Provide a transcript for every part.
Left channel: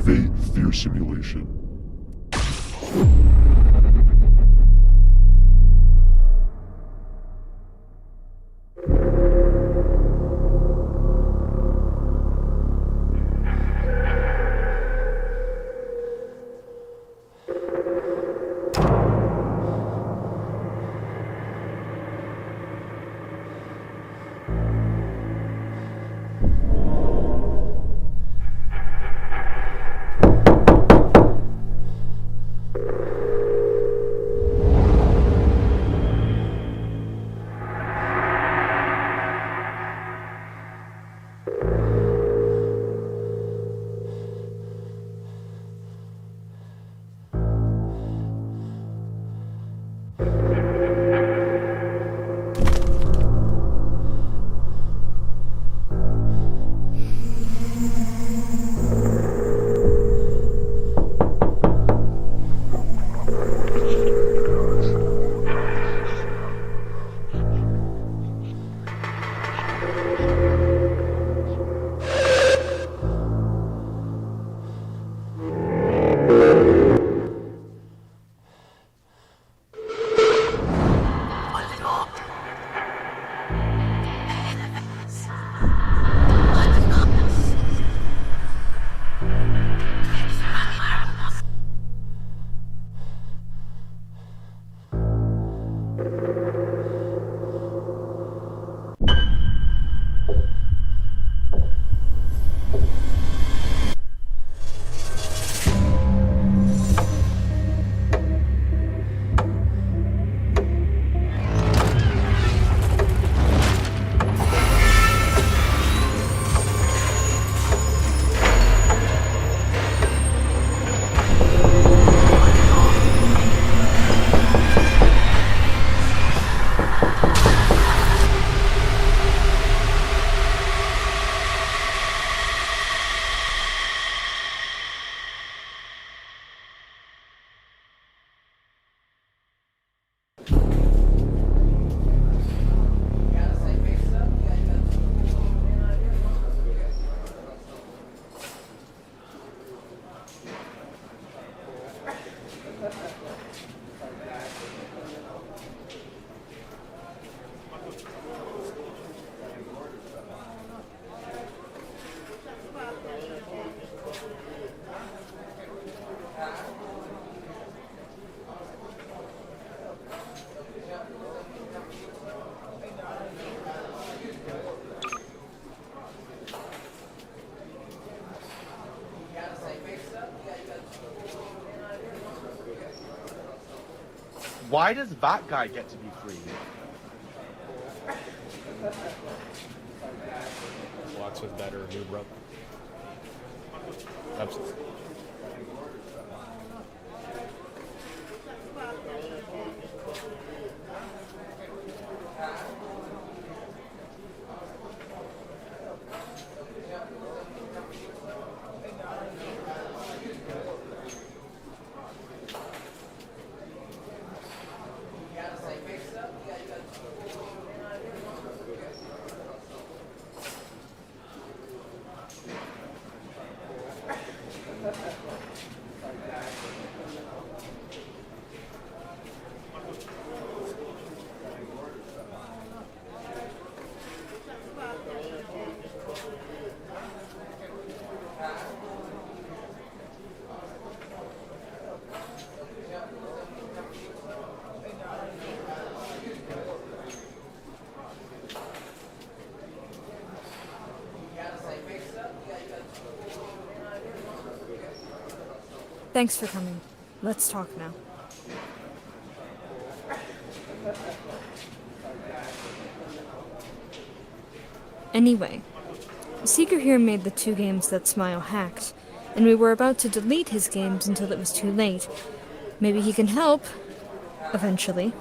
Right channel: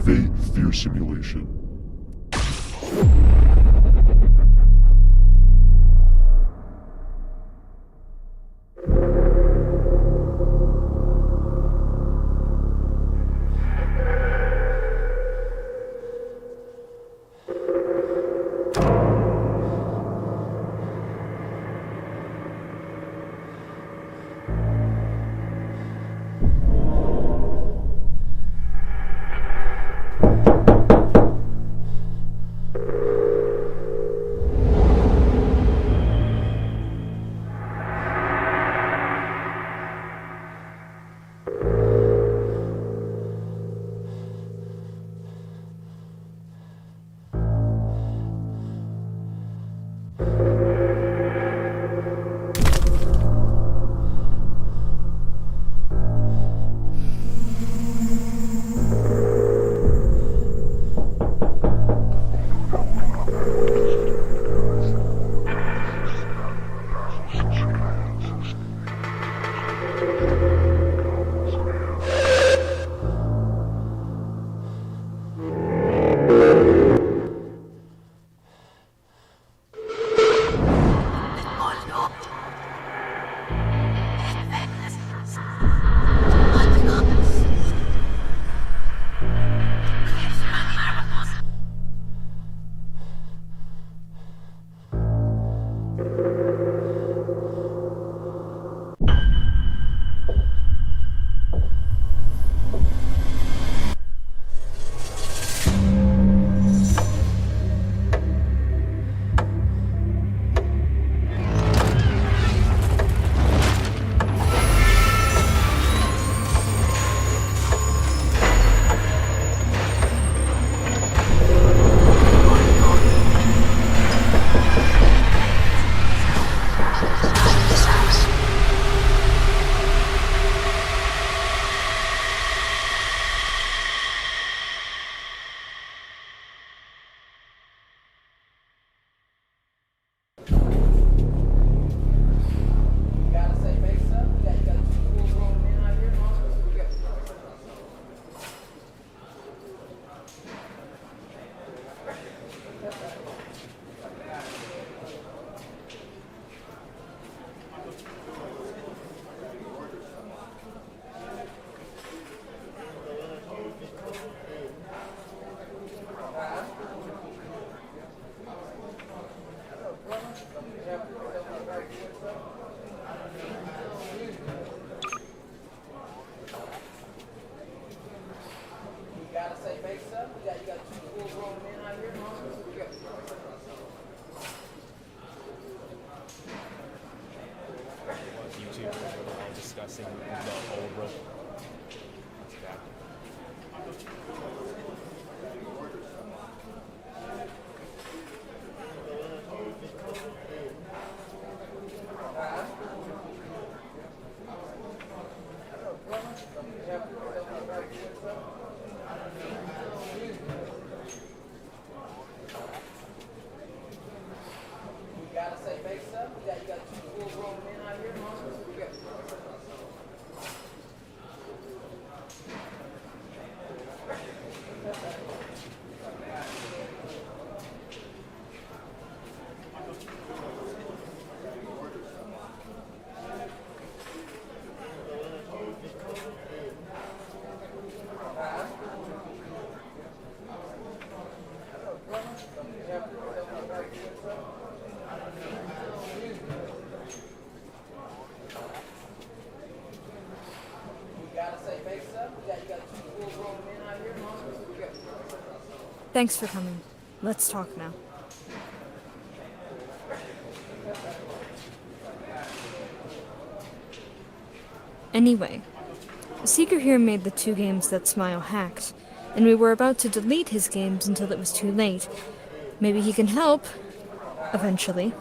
Activate fear simulation. Why does that guy get to be free? Discussing Roblox with better new Roblox. Yeah. Absolutely. Thanks for coming. Let's talk now. Anyway, Seeker here made the 2 games that Smile hacked, and we were about to delete his games until it was too late. Maybe he can help, eventually.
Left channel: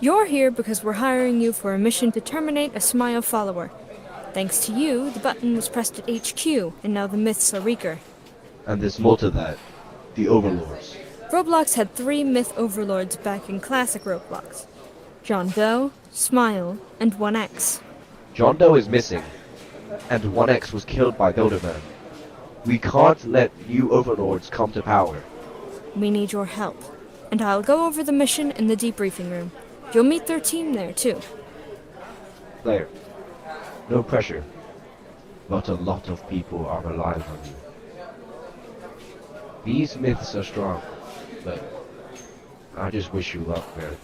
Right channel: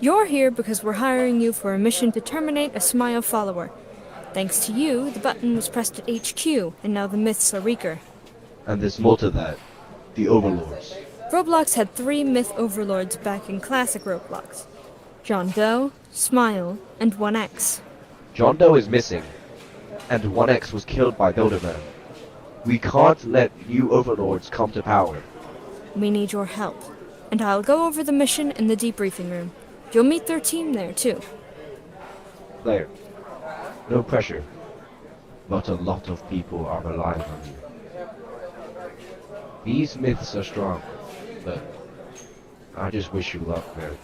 You're here because we're hiring you for a mission to terminate a Smile follower. Thanks to you, the button was pressed at HQ, and now the myths are weaker. And there's more to that. The Overlords. Roblox had 3 myth overlords back in classic Roblox. John Doe, Smile, and 1X. John Doe is missing, and 1X was killed by Builderman. We can't let new overlords come to power. We need your help. And I'll go over the mission in the debriefing room. You'll meet their team there, too. Claire, no pressure. But a lot of people are relying on you. These myths are strong, but I just wish you luck, man.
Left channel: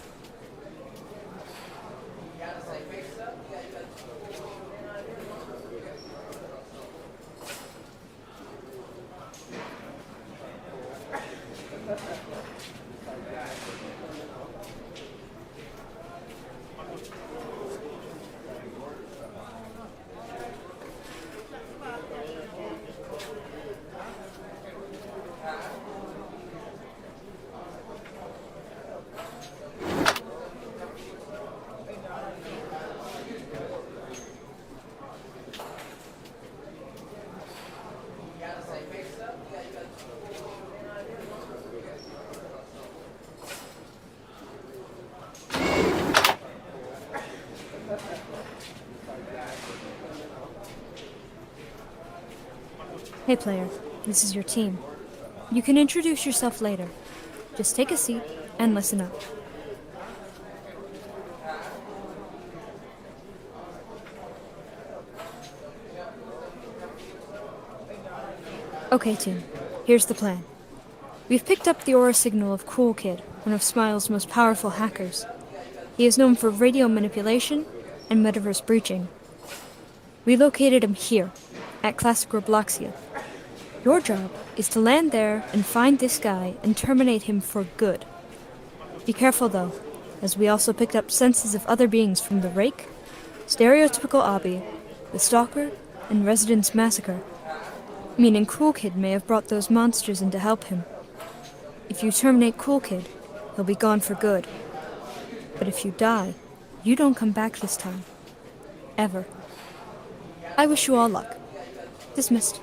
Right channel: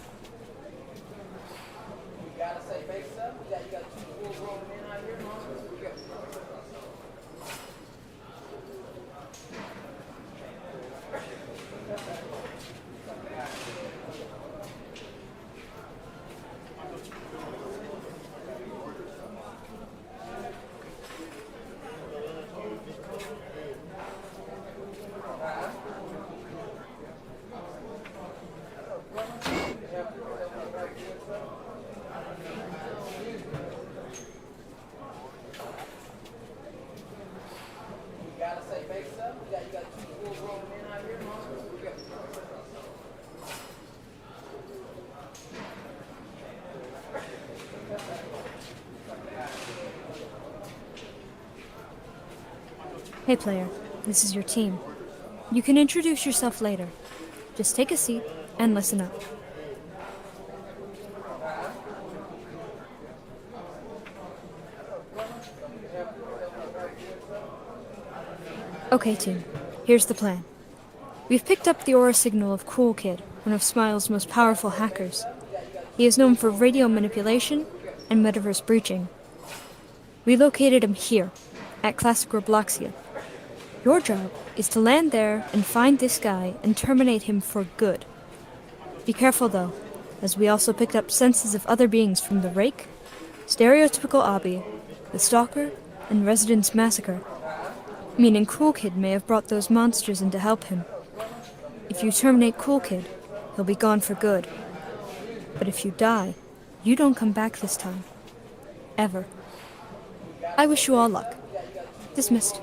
Hey player, this is your team. You can introduce yourself later. Just take a seat and listen up. Okay team, here's the plan. We've picked up the aura signal of Cool Kid, one of Smile's most powerful hackers. He is known for radio manipulation and metaverse breaching. We located him here, at Classic Robloxia. Your job is to land there and find this guy and terminate him for good. Be careful though, as we also picked up senses of other beings from the Rake, Stereotypical Obby, the Stalker, and Residence Massacre, meaning Cool Kid may have brought those monsters in to help him. If you terminate Cool Kid, he'll be gone for good. But if you die, you don't come back this time. Ever. I wish you all luck. Dismissed.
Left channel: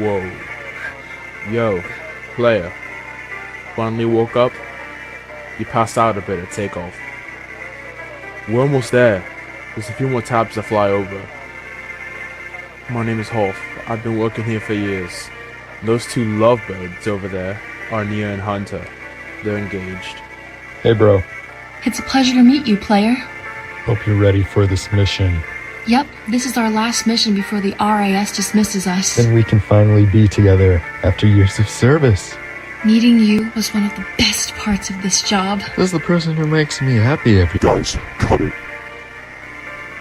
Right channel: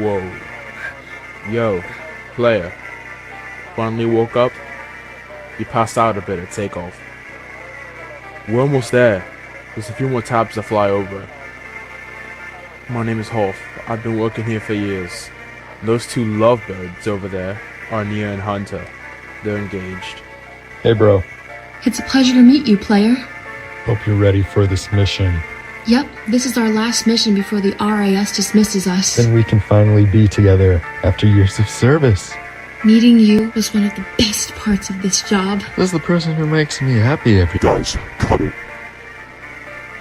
Whoa. Yo, player. Finally woke up? You passed out a bit at takeoff. We're almost there. There's a few more tabs to fly over. My name is Hoff. I've been working here for years. Those two lovebirds over there are Nia and Hunter. They're engaged. Hey bro, It's a pleasure to meet you, player. hope you're ready for this mission. Yep, this is our last mission before the RIS dismisses us. Then we can finally be together after years of service. Meeting you was one of the best parts of this job. This is the person who makes me happy every day. Guys, cut it.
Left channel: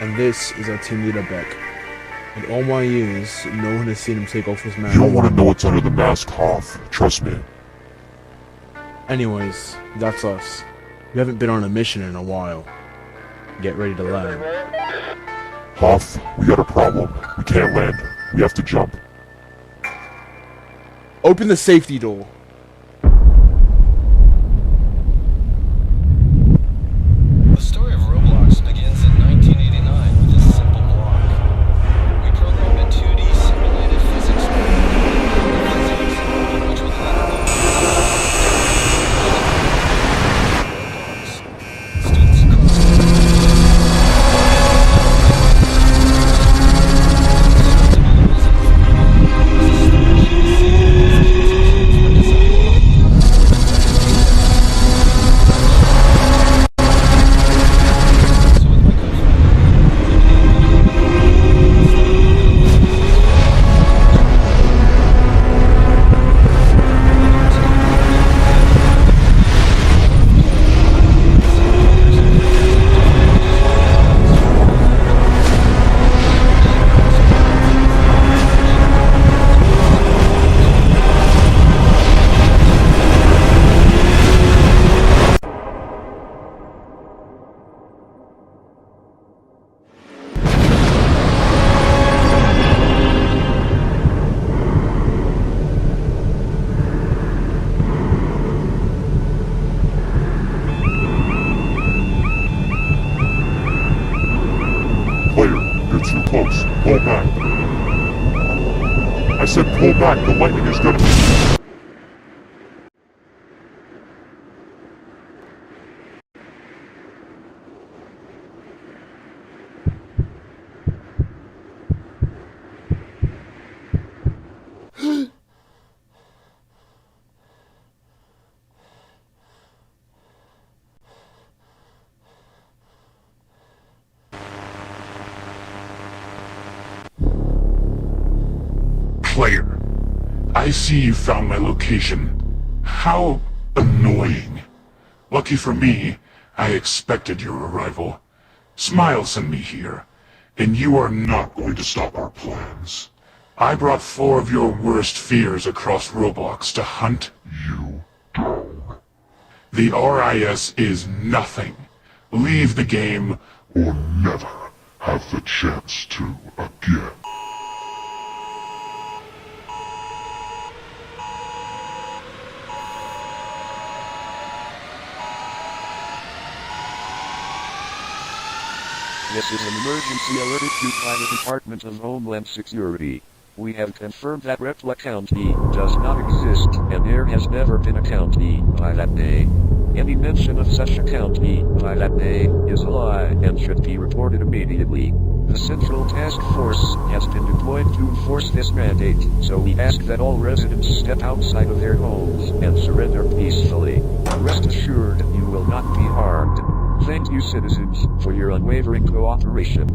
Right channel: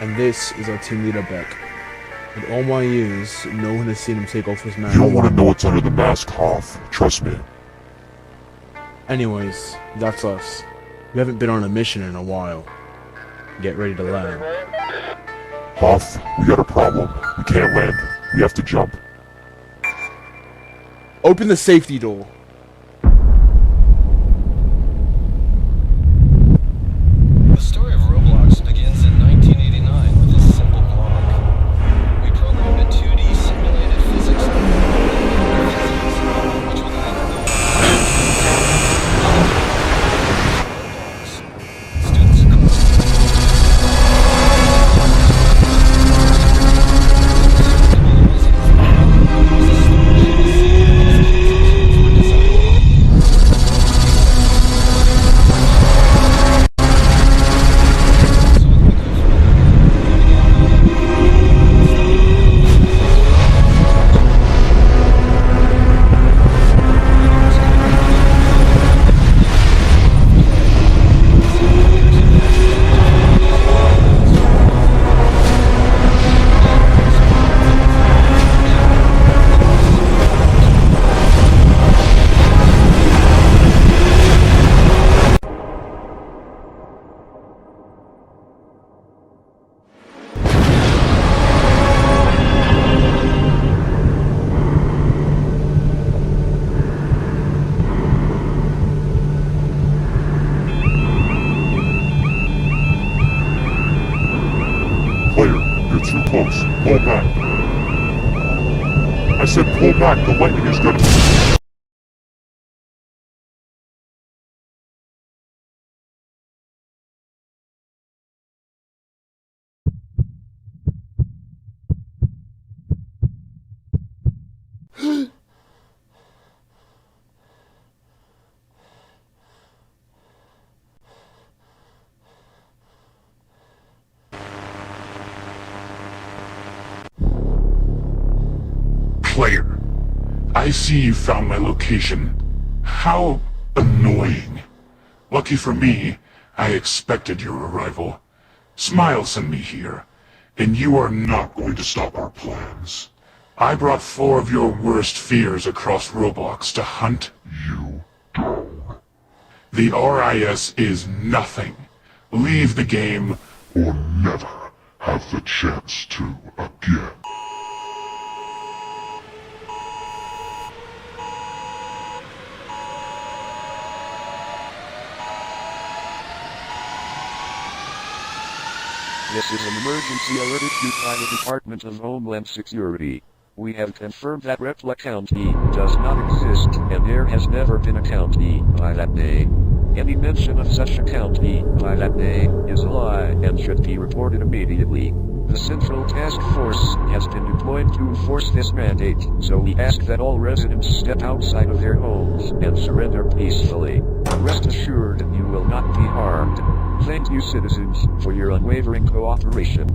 And this is our team leader, Beck. In all my years, no one has seen him take off his mask. You don't want to know what's under the mask, Hoff. Trust me. Anyways, that's us. We haven't been on a mission in a while. Get ready to land. Hoff, we got a problem. We can't land. We have to jump. Open the safety door. The story of Roblox begins in 1989 with a simple block. We programmed a 2D simulated physics game called hangout physics, which will later go on to Roblox. Students across the Player, you're too close. Pull back. I said pull back. The lightning is gonna... Player, I see you found my location. How annoying. Lucky for me, I expected your arrival. Smile sent me here, and you are not going to stop our plans. I brought 4 of your worst fears across Roblox to hunt you down. The RIS is nothing. Leave the game, or never have the chance to again. This is an emergency alert issued by the Department of Homeland Security. We have confirmed that Repla County does not exist, and there has never been a county by that name. Any mention of such a county by that name is a lie and should be reported immediately. The Central Task Force has been deployed to enforce this mandate, so we ask that all residents step outside of their homes and surrender peacefully. Rest assured, you will not be harmed. Thank you, citizens, for your unwavering cooperation.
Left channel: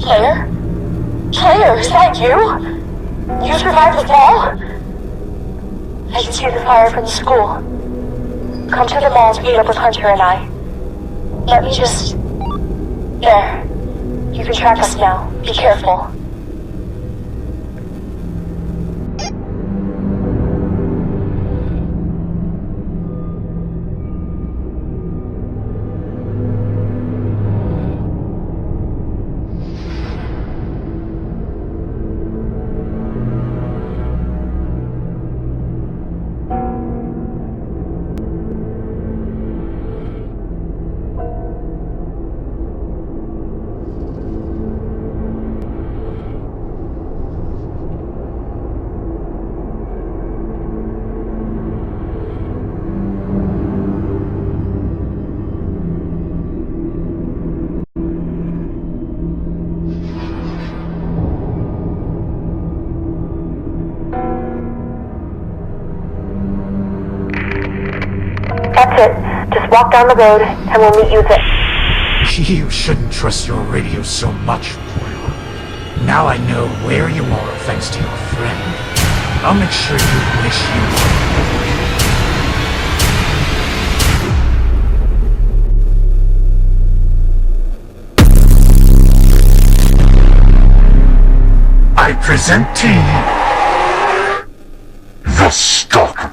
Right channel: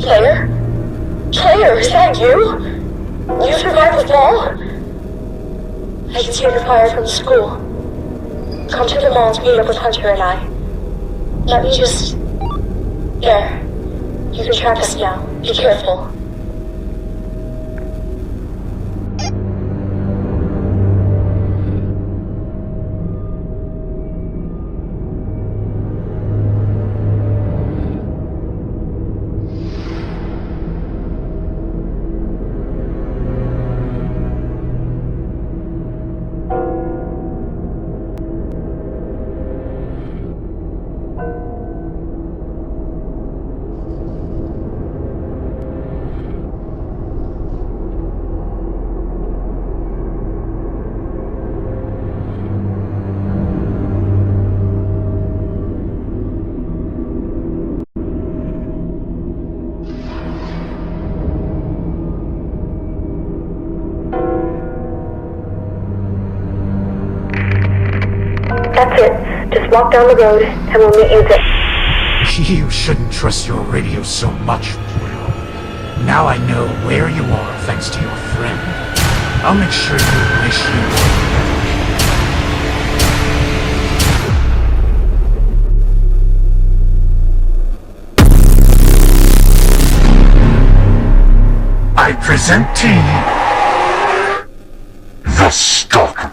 Player? Player, is that you? You survived the fall? I can see the fire from the school. Come to the mall to meet up with Hunter and I. Let me just... There. You can track us now. Be careful. That's it. Just walk down the road, and we'll meet you there. You shouldn't trust your radio so much, Boyle. Now I know where you are thanks to your friend. I'll make sure you wish you were never here. I present to you the Stalker.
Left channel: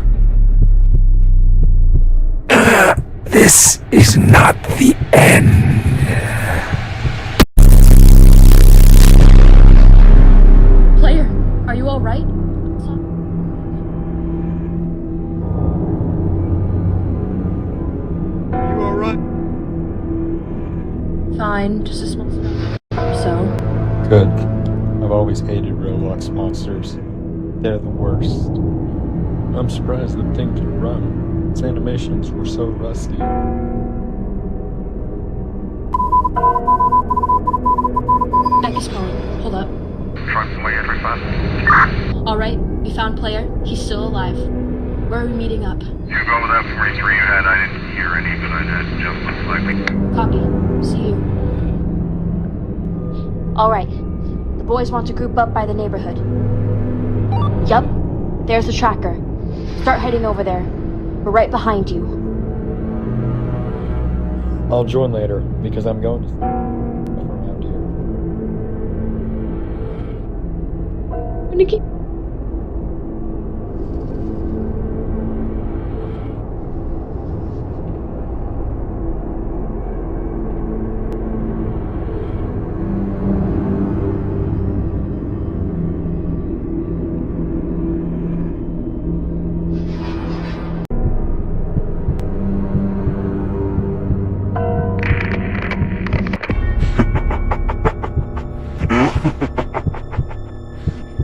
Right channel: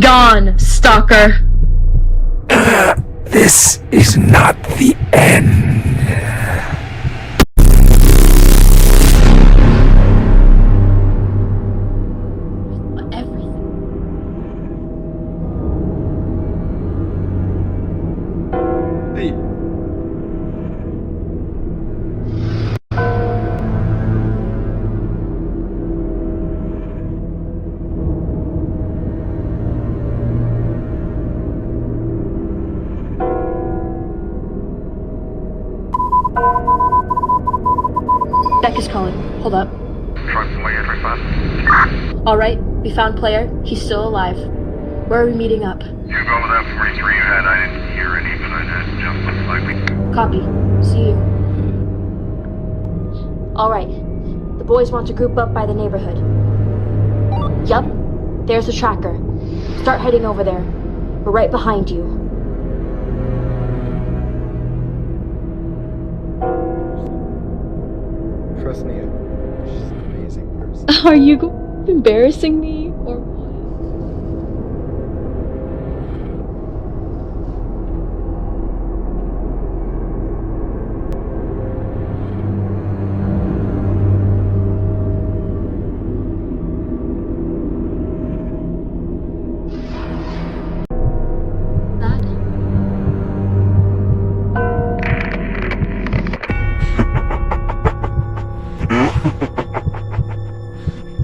Gone, stalker. This is not the end. Player, are you alright? I saw everything. You alright? Fine, just a small or so. Good. I've always hated Roblox monsters. They're the worst. I'm surprised that thing could run. Its animations were so rusty. Beck is calling. Hold up. Try for my entry fast. Alright, we found Player. He's still alive. Where are we meeting up? You go with that 43 you had. I didn't hear any, but that just looks likely. Copy. See you. Alright. The boys want to group up by the neighborhood. Yup. There's the tracker. Start heading over there. We're right behind you. I'll join later, because I'm going to around here. Trust me, she's an amazing person. Are you going to keep embarrassing me, or what?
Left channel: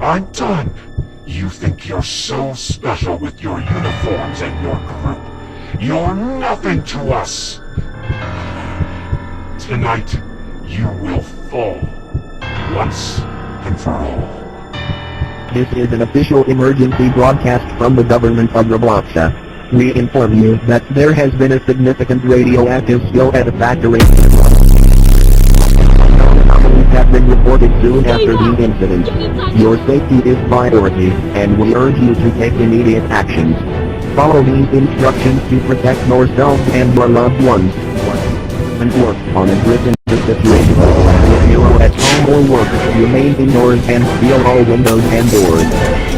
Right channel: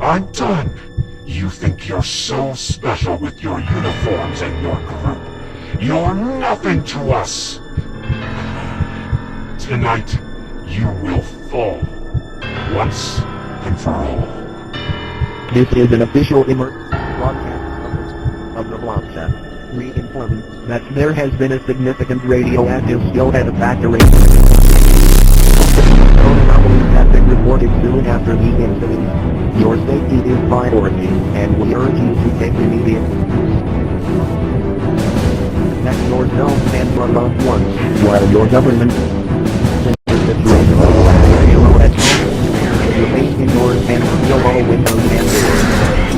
I'm done. You think you're so special with your uniforms and your group. You're nothing to us. Tonight, you will fall. Once and for all. This is an official emergency broadcast from the government of Roblox. We inform you that there has been a significant radioactive spill at a factory. Known anomaly have been reported soon after the incident. Your safety is priority, and we urge you to take immediate action. Follow these instructions to protect yourselves and your loved ones, while your government works on a prevent the situation. If you are at home or work, remain indoors and seal all windows and doors.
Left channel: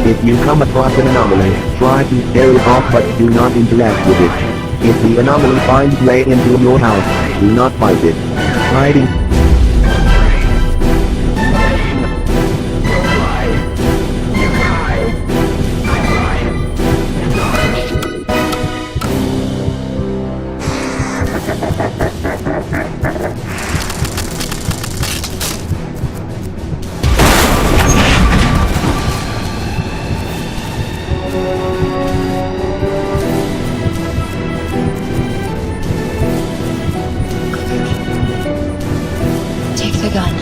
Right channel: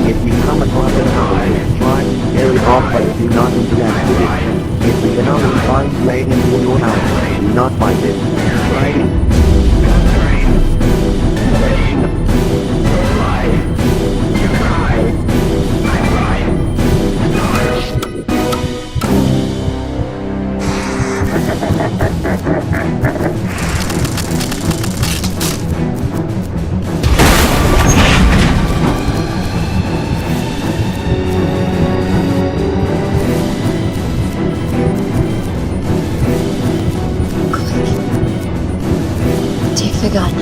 If you come across an anomaly, try to scare it off but do not interact with it. If the anomaly finds way into your house, do not fight it. Fighting. Take the gun.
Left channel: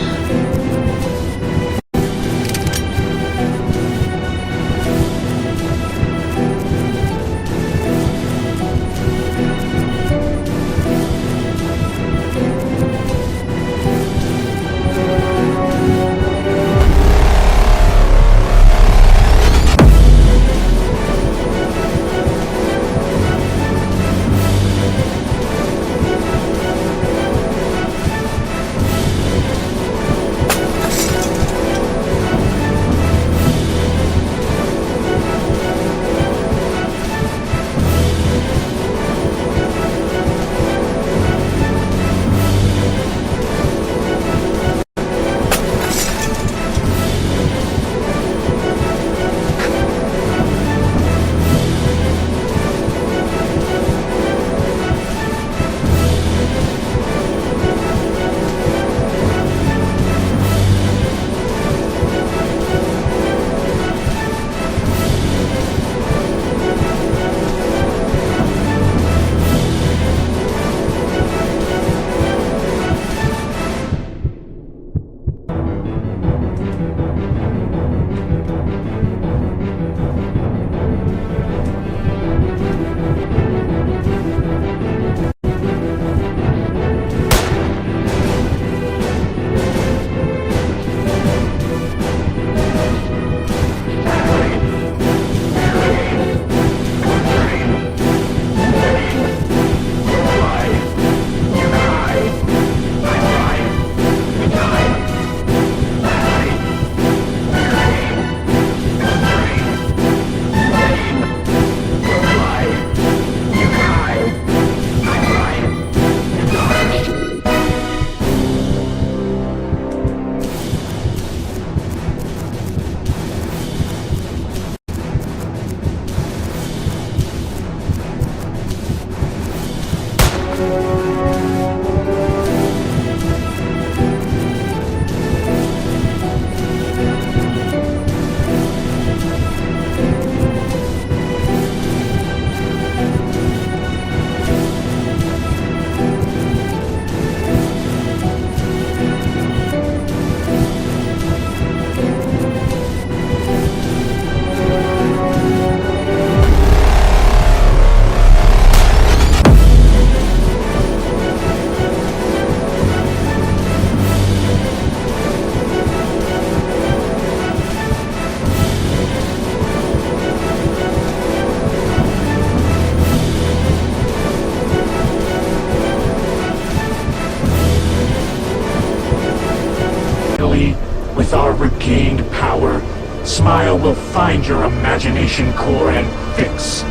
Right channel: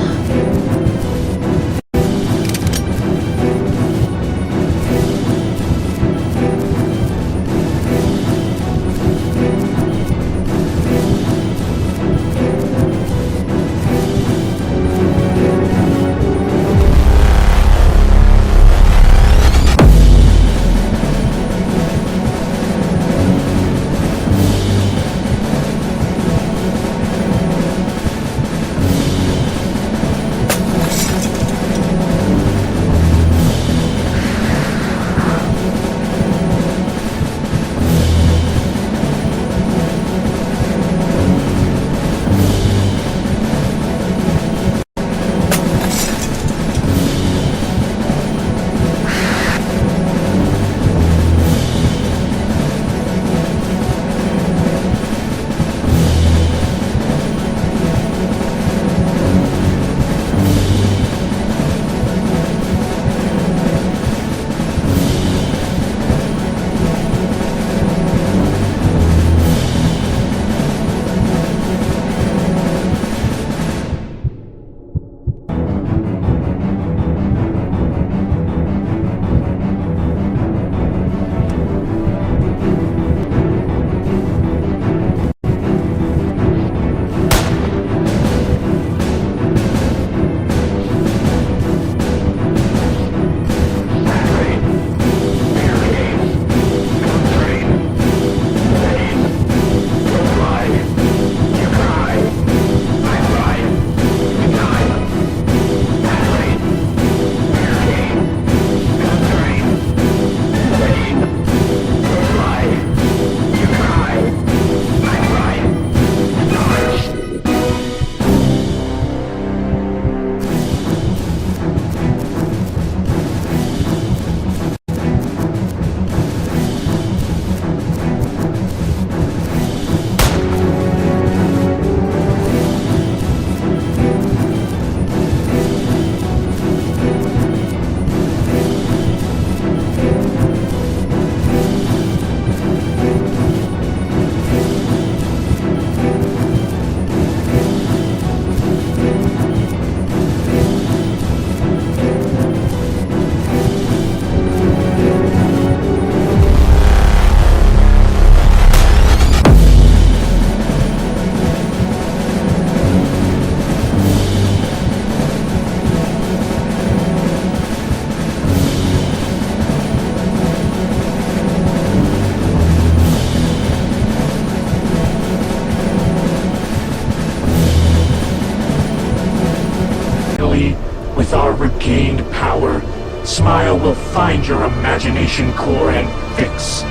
With our regained power, Smile will find your imagination core and fix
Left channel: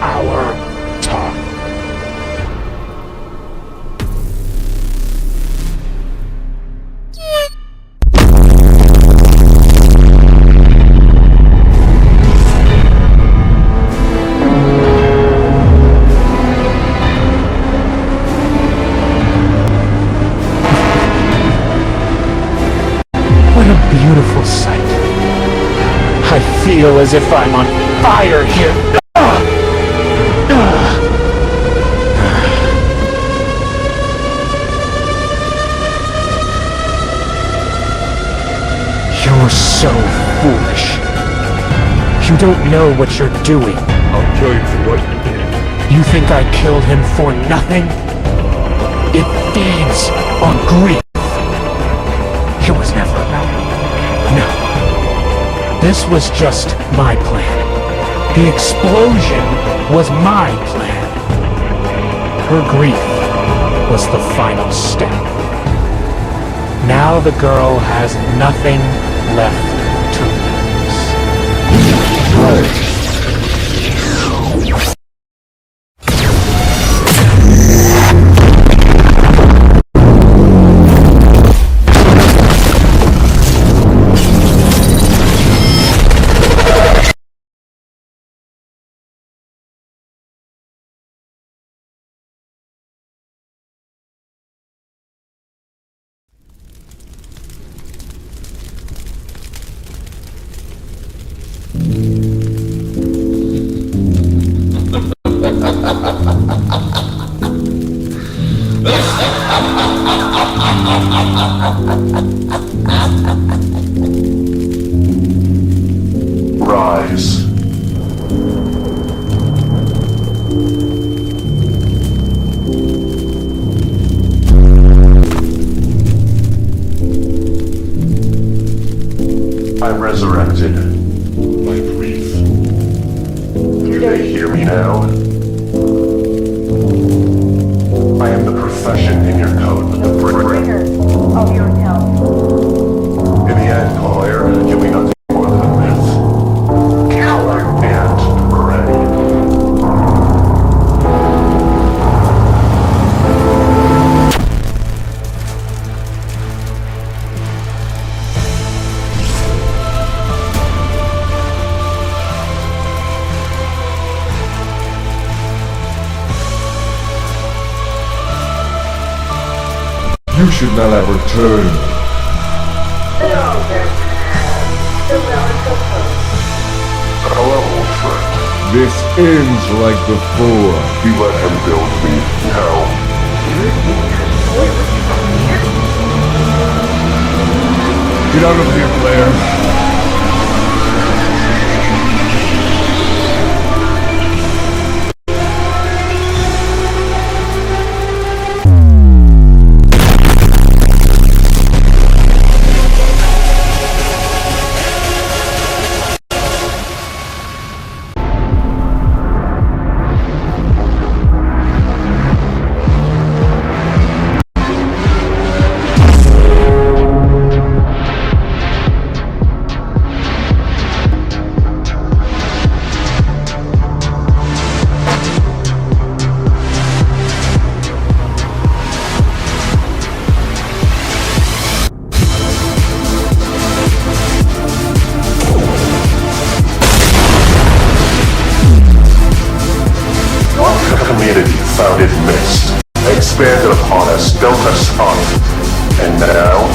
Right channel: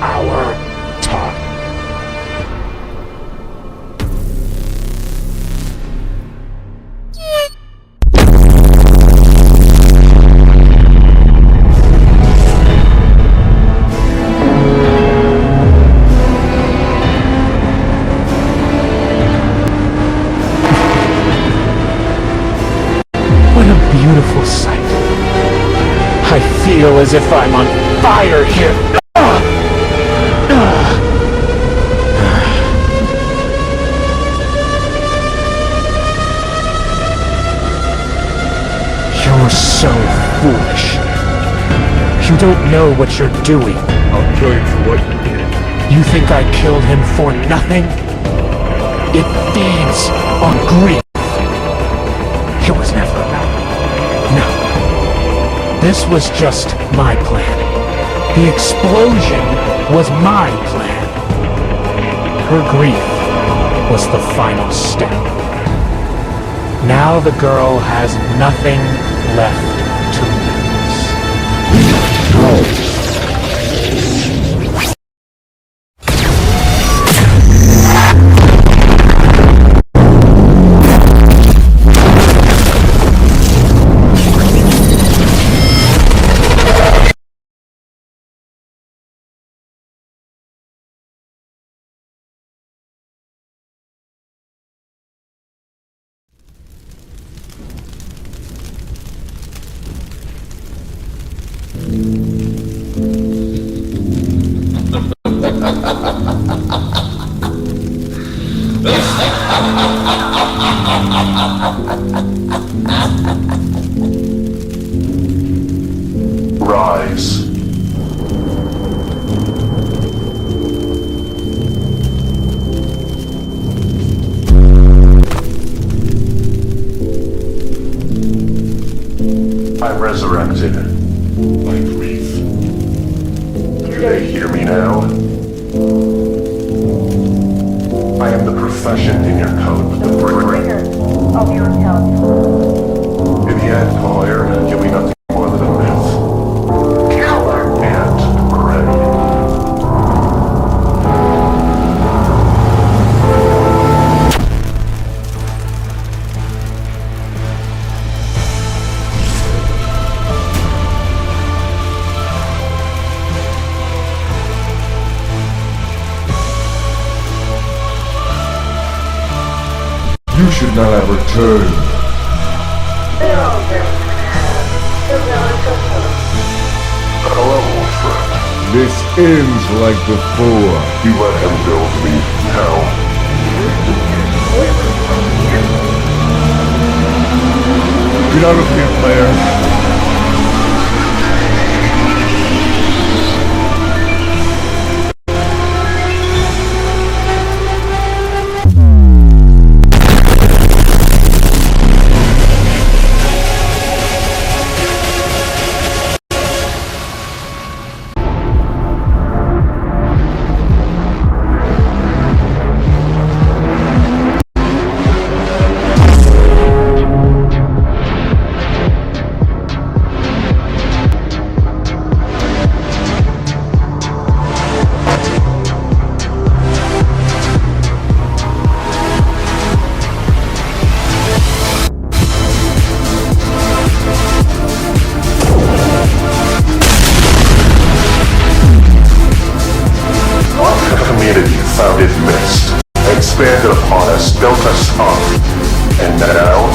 our time. What a beautiful sight. I feel as if I'm on fire here. You're so foolish. You don't know what you're doing. I'll kill you for what you did. You think I killed him for nothing? It feeds on grief. It was This was just my plan. The explosion was my plan. Her grief was the final step. Now the girl has nothing left to lose. Rise. I'm resurrected. My grief. Do they hear me now? I am the profession in your code, but the bringer of your town. In the end, Collier, you'll be nothing more than a myth. Coward! And ready. You should not have returned. Hello, old friend. This ends like before. You let him build me. Now. Get out of here, player. Community found it missed, expanded upon us, built us up, and now,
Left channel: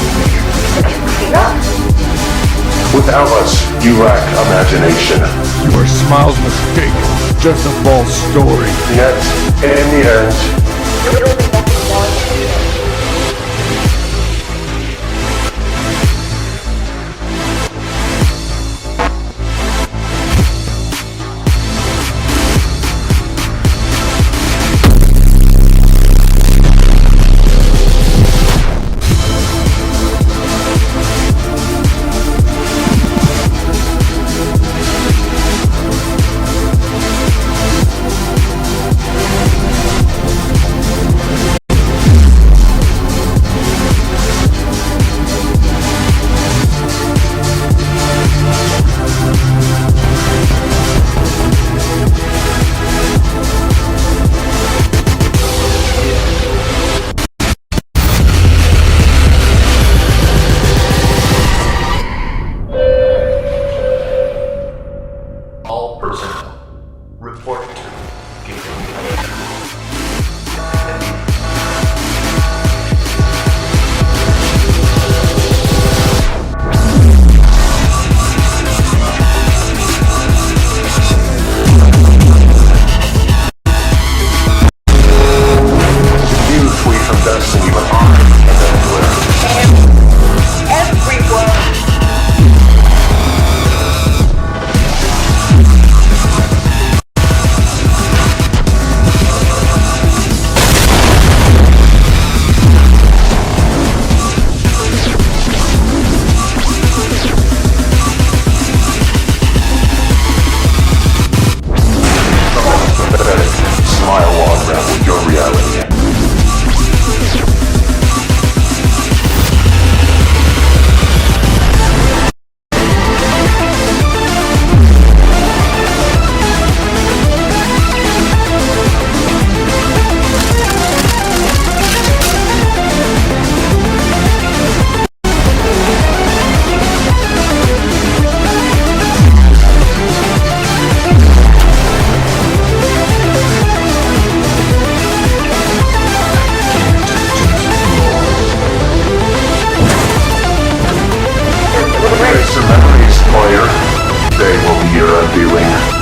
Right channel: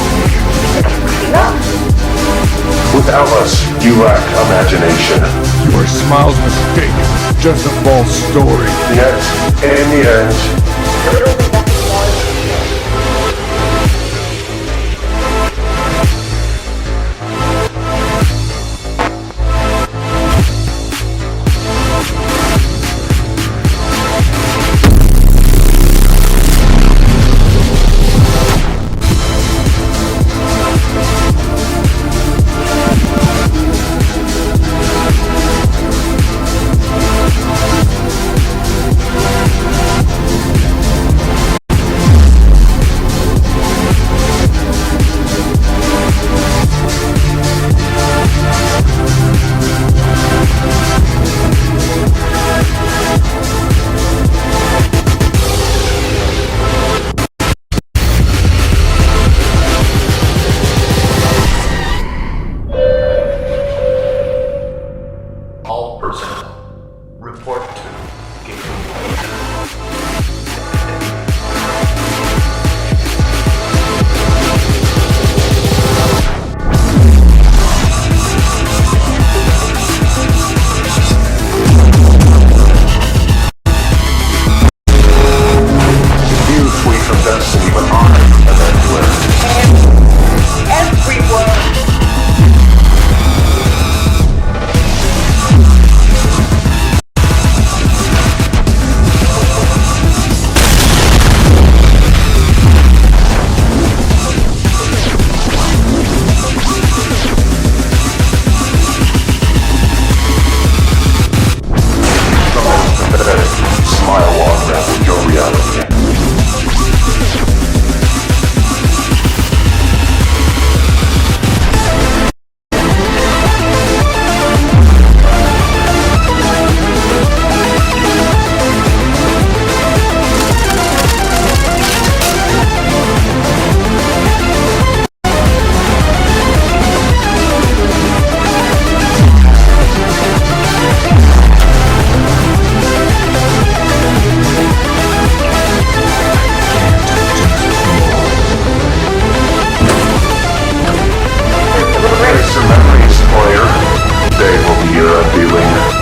without us, you lack imagination. You are Smiles' mistake. Just a false story. Yet, in the end, Beware.